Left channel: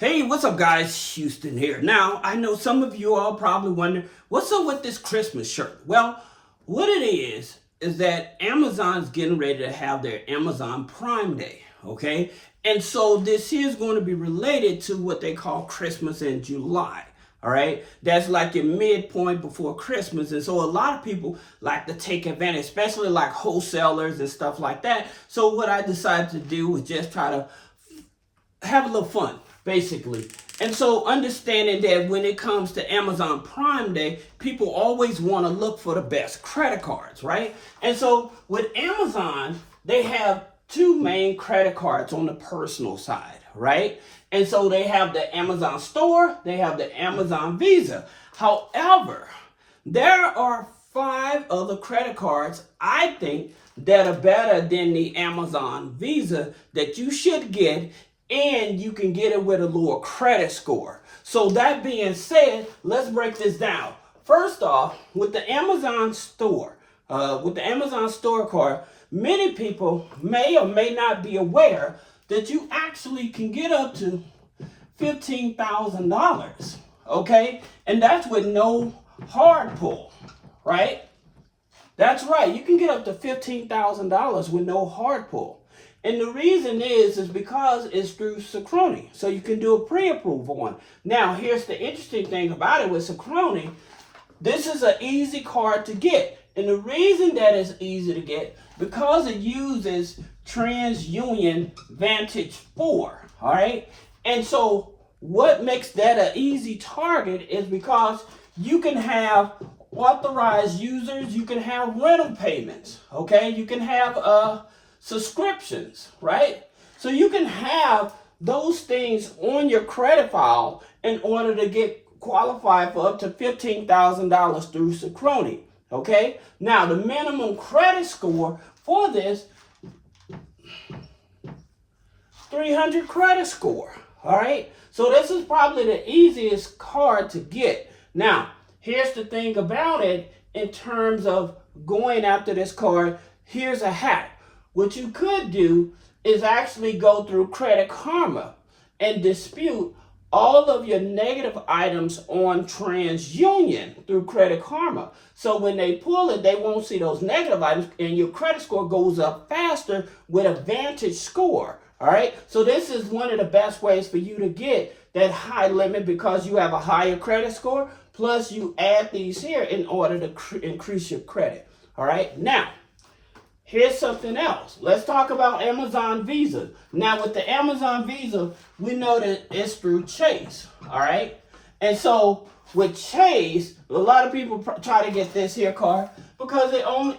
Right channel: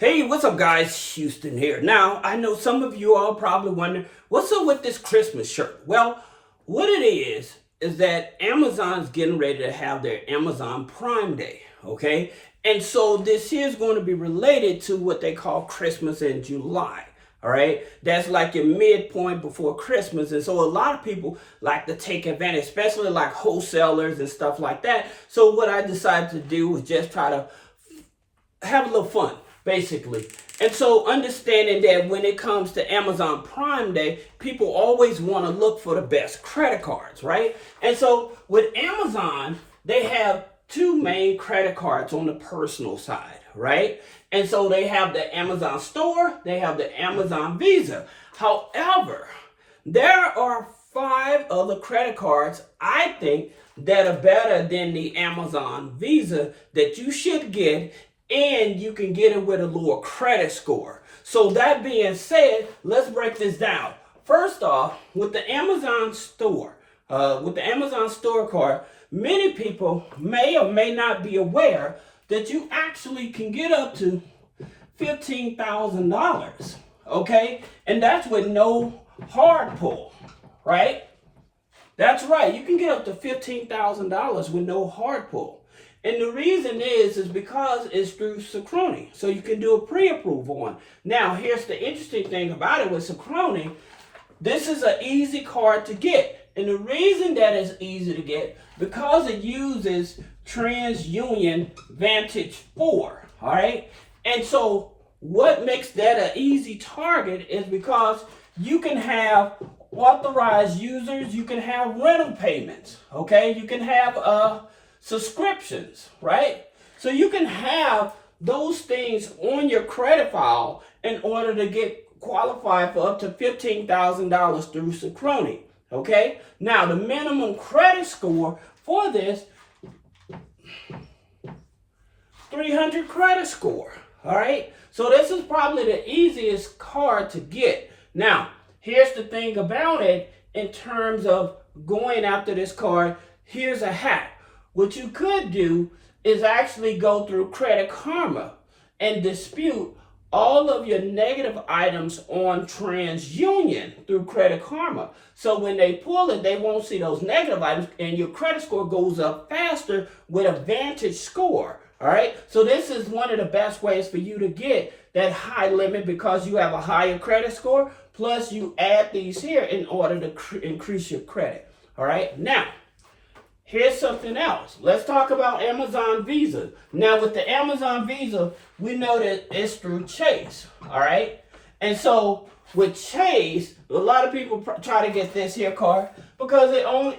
Hey, what's up, guys? Houston here. Now, I know some of you all probably wonder, what's up with this Christmas shirt? Well, what it is that Amazon's getting ready to have their Amazon Prime Day, okay? And so this is going to be related to what they call Christmas in July, all right? That's like your midpoint before Christmas. And so a lot of people like to take advantage, especially like wholesalers and stuff like that. So what I decided to do was just try to have a little fun, basically. And so understanding that when it comes to Amazon Prime Day, people always want to look for the best credit cards, right? And so with Amazon, they have two main credit cards on the personal side, right? And so they have the Amazon Store, they have the Amazon Visa. However, there are 5 other credit cards, I think, that are better than the Amazon Visa that you should get, and you can get it with a lower credit score. So that being said, let's break this down. First off, with the Amazon Store, card, many people may or may not be aware that you actually can get up to $15,000, okay? And that's with no hard pull, right? That's right, you can get up to $15,000 with no hard pull. And the reason is because it's through Synchrony. So you can do a pre-approval one. Now, here's the interesting thing about it with Synchrony. This is an easy card to get. And the reason that it's easy to get, because it uses TransUnion Vantage 4, all right? And so what makes that an easy target is because you can have authorized users, you can have rental payments, okay? You can have subscriptions, right? So you can have those things on your credit file in order to get qualified for up to $15,000 through Synchrony, okay? Now, the minimum credit score for this, 300 credit score, all right? So this is probably the easiest card to get. Now, here's the thing about it in terms of going after this card. Here's a hack. What you could do is actually go through Credit Karma and dispute all of your negative items on TransUnion through Credit Karma. So when they pull it, they won't see those negative items, and your credit score goes up faster with a Vantage score. All right. So this is one of the best ways for you to get that high limit because you have a higher credit score. Plus, you add these here in order to increase your credit. All right. Now, here's something else. Let's talk about Amazon Visa. Now, with the Amazon Visa, we know that it's through Chase, all right? And so with Chase, a lot of people try to get this here card because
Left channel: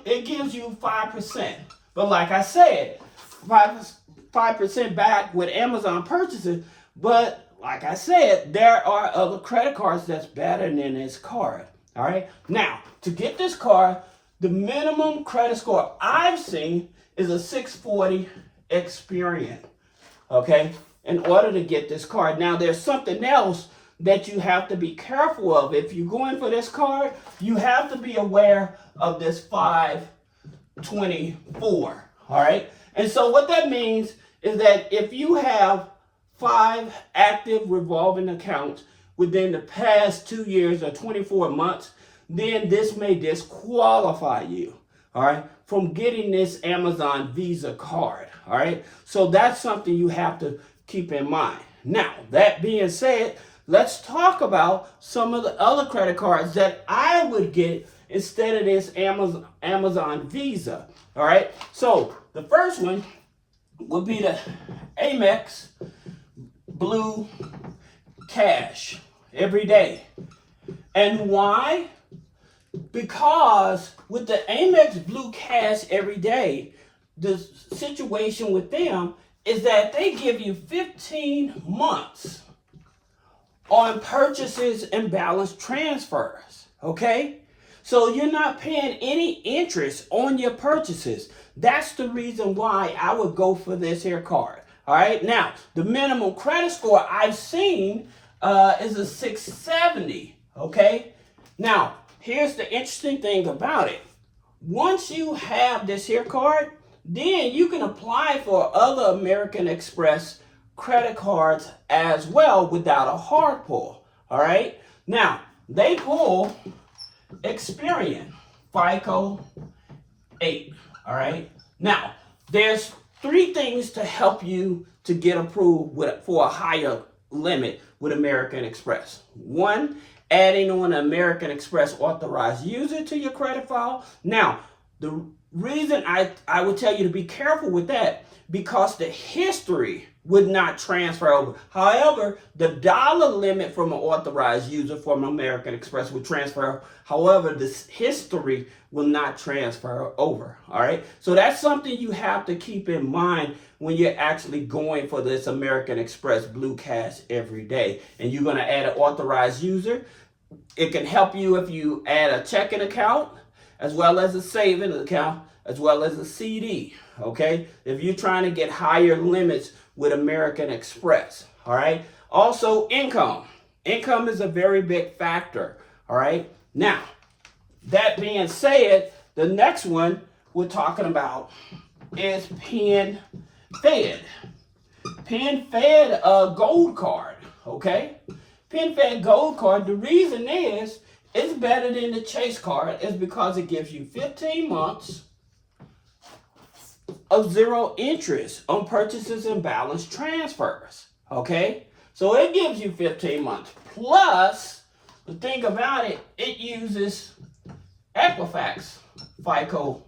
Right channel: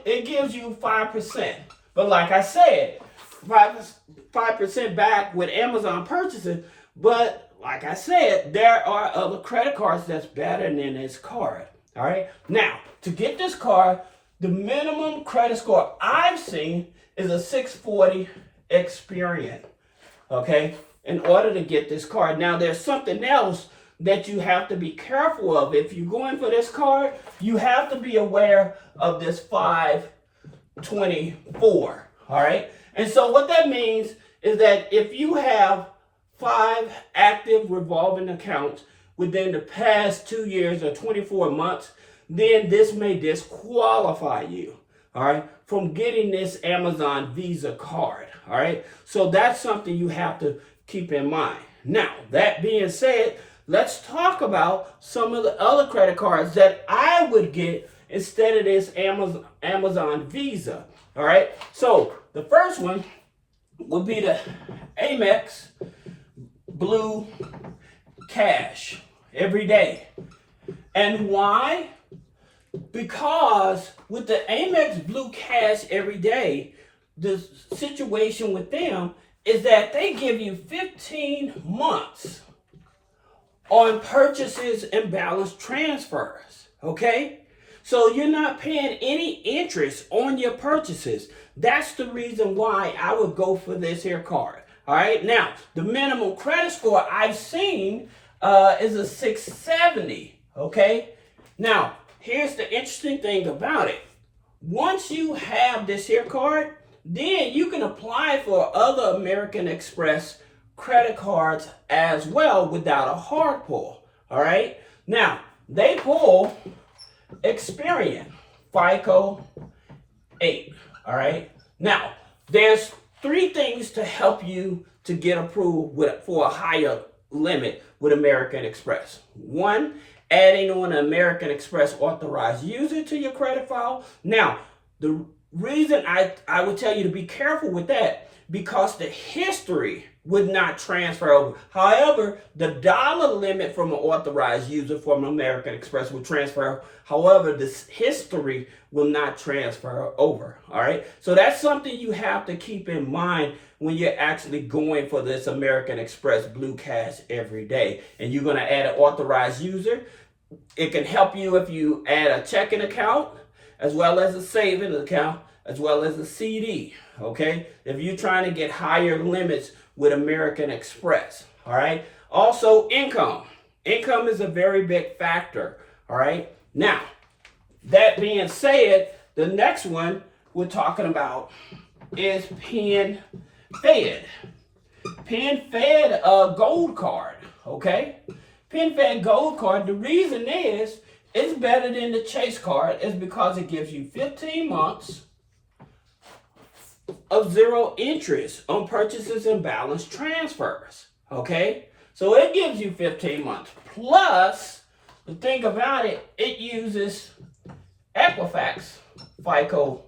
it gives you 5%. But like I said, 5% back with Amazon purchases. But like I said, there are other credit cards that's better than this card, all right? Now, to get this card, the minimum credit score I've seen is a 640 Experian, okay, in order to get this card. Now, there's something else that you have to be careful of. If you're going for this card, you have to be aware of this 524, all right? And so what that means is that if you have 5 active revolving accounts within the past 2 years or 24 months, then this may disqualify you, all right, from getting this Amazon Visa card, all right? So that's something you have to keep in mind. Now, that being said, let's talk about some of the other credit cards that I would get instead of this Amazon Visa, all right? So the first one would be the Amex Blue Cash every day. And why? Because with the Amex Blue Cash every day, the situation with them is that they give you 15 months on purchases and balance transfers, okay? So you're not paying any interest on your purchases. That's the reason why I would go for this here card, all right? Now, the minimum credit score I've seen is a 670, okay? Now, here's the interesting thing about it. Once you have this here card, then you can apply for other American Express credit cards as well without a hard pull. All right. Now, they pull Experian, FICO 8. All right. Now, there's 3 things to help you to get approved for a higher limit with American Express. 1, adding on an American Express authorized user to your credit file. Now, the reason I would tell you to be careful with that, because the history would not transfer over. However, the dollar limit from an authorized user from American Express would transfer. However, this history will not transfer over. All right. So that's something you have to keep in mind when you're actually going for this American Express Blue Cash every day. And you're going to add an authorized user. It can help you if you add a checking account, as well as a savings account, as well as a CD. Okay. If you're trying to get higher limits with American Express. All right. Also, income. Income is a very big factor. All right. Now, that being said, the next one we're talking about is PenFed. PenFed Gold Card. Okay. PenFed Gold Card. The reason is it's better than the Chase card is because it gives you 15 months of 0 interest on purchases and balance transfers. Okay, so it gives you 15 months. Plus, the thing about it, it uses Equifax FICO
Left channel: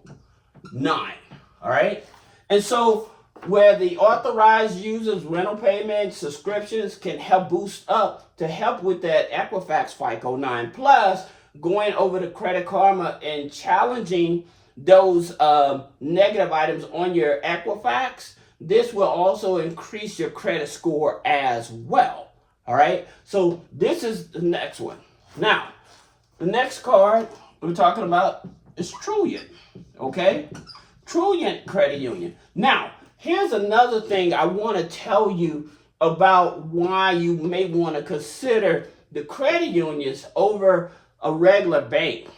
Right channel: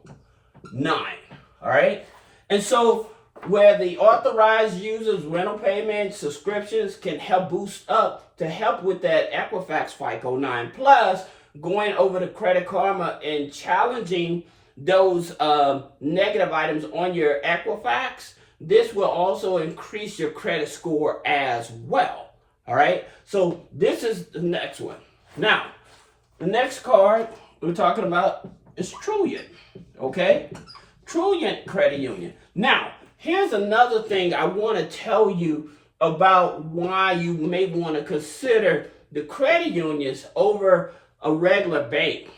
9. All right, and so where the authorized users rental payments, subscriptions can help boost up to help with that Equifax FICO 9. Plus, going over to Credit Karma and challenging those negative items on your Equifax, this will also increase your credit score as well. All right, so this is the next one. Now, the next card we're talking about is Trilliant. Okay, Trilliant Credit Union. Now, here's another thing I want to tell you about why you may want to consider the credit unions over a regular bank.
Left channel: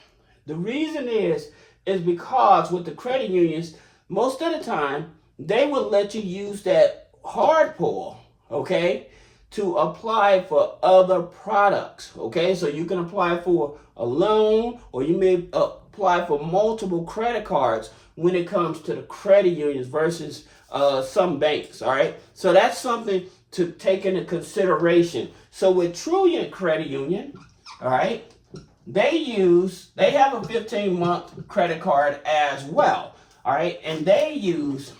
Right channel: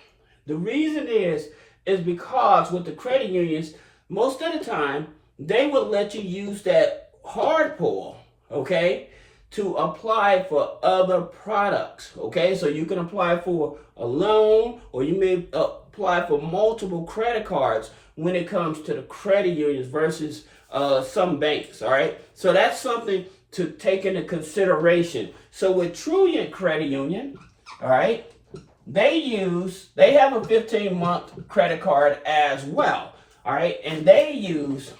The reason is because with the credit unions, most of the time, they will let you use that hard pull, okay, to apply for other products, okay? So you can apply for a loan, or you may apply for multiple credit cards when it comes to the credit unions versus some banks, all right? So that's something to take into consideration. So with Trilliant Credit Union, all right, they have a 15-month credit card as well, all right, and they use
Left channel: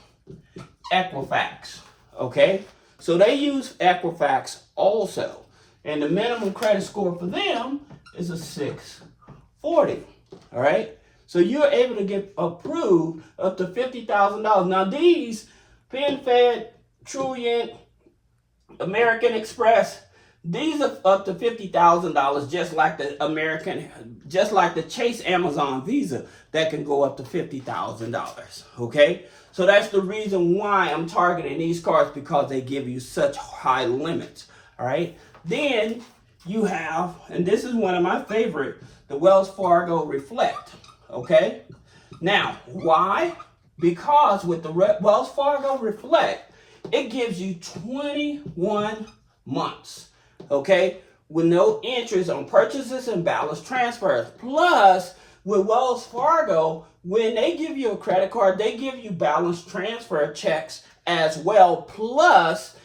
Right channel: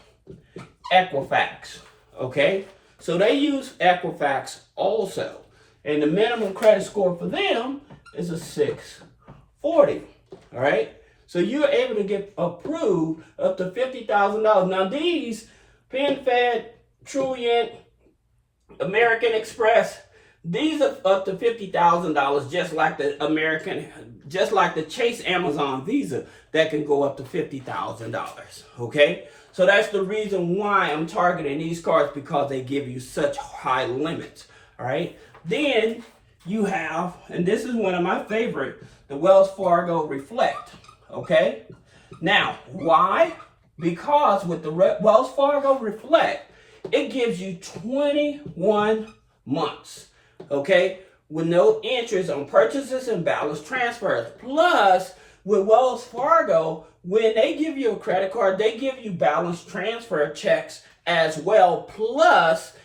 Equifax, okay? So they use Equifax also, and the minimum credit score for them is a 640, all right? So you're able to get approved up to $50,000. Now these PenFed, Trilliant, American Express, these are up to $50,000, just like the Chase Amazon Visa that can go up to $50,000. Okay, so that's the reason why I'm targeting these cards, because they give you such high limits. All right, then you have, and this is one of my favorite, the Wells Fargo Reflect. Okay, now why? Because with the Wells Fargo Reflect, it gives you 21 months. Okay, with no interest on purchases and balance transfers. Plus, with Wells Fargo, when they give you a credit card, they give you balance transfer checks as well. Plus,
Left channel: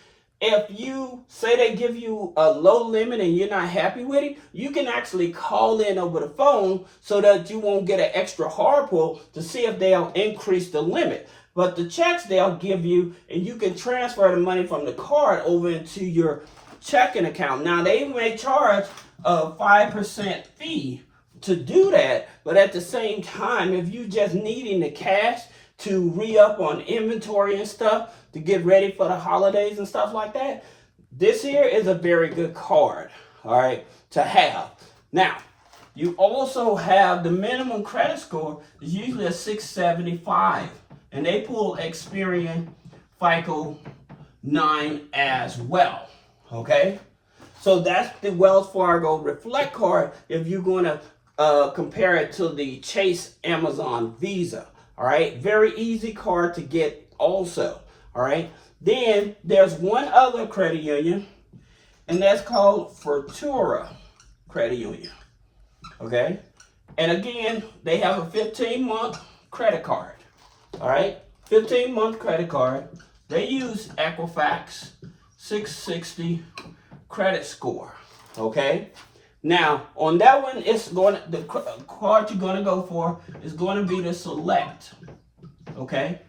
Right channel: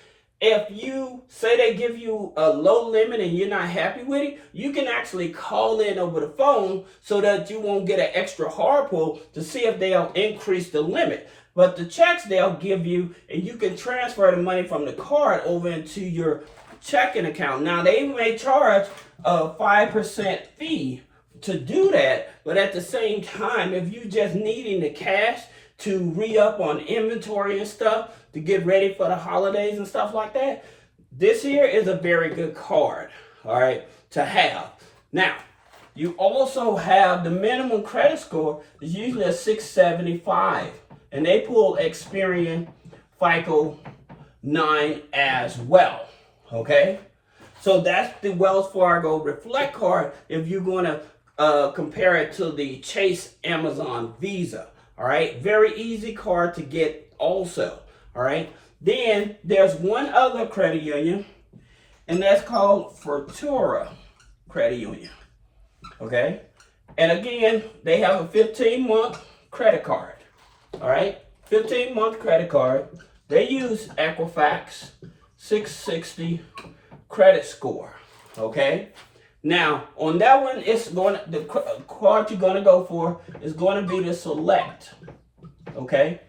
if you say they give you a low limit and you're not happy with it, you can actually call in over the phone so that you won't get an extra hard pull to see if they'll increase the limit. But the checks they'll give you, and you can transfer the money from the card over into your checking account. Now, they may charge a 5% fee to do that, but at the same time, if you just needing the cash to re-up on inventory and stuff to get ready for the holidays and stuff like that, this here is a very good card, all right, to have. Now, you also have the minimum credit score is usually a 675, and they pull Experian FICO 9 as well. Okay, so that's the Wells Fargo Reflect card if you're going to compare it to the Chase Amazon Visa. All right, very easy card to get also. All right, Then there's one other credit union, and that's called Fortuna Credit Union. Okay? And again, they have a 15-month credit card. All right? 15-month credit card. They use Equifax 660 credit score. Okay? Now, on that one, the card you're going to go for is going to be the Select. Okay?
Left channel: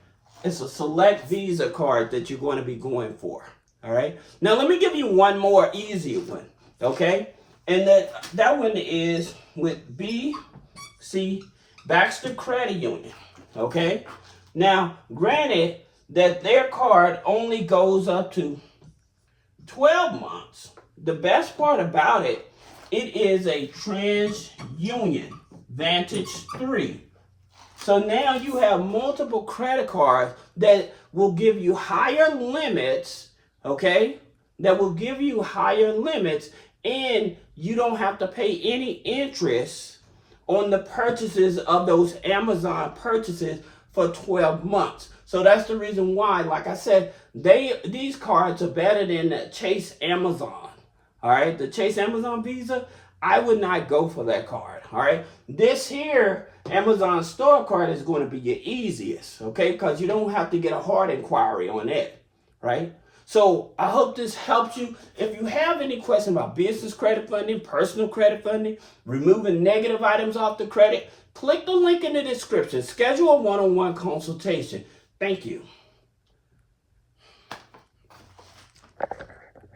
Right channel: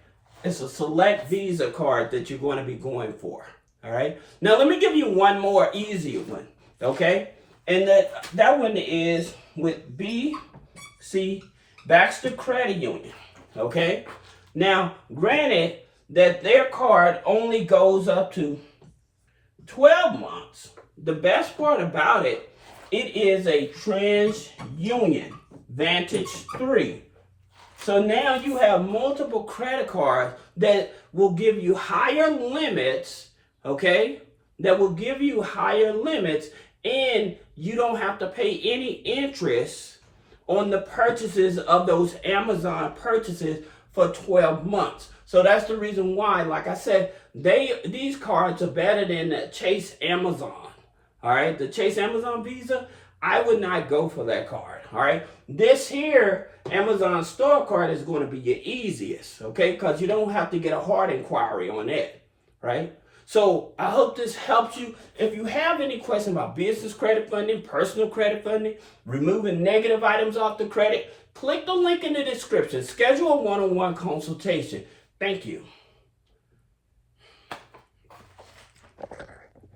It's a Select Visa card that you're going to be going for. All right? Now, let me give you one more easier one. Okay? And that one is with BC Baxter Credit Union. Okay? Now, granted that their card only goes up to 12 months. The best part about it, it is a TransUnion Vantage 3. So now you have multiple credit cards that will give you higher limits, okay? That will give you higher limits, and you don't have to pay any interest on the purchases of those Amazon purchases for 12 months. So that's the reason why, like I said, these cards are better than the Chase Amazon. All right, the Chase Amazon Visa, I would not go for that card. All right, this here Amazon store card is going to be your easiest, okay, because you don't have to get a hard inquiry on it, right? So I hope this helps you. If you have any questions about business credit funding, personal credit funding, removing negative items off the credit, click the link in the description. Schedule a one-on-one consultation. Thank you.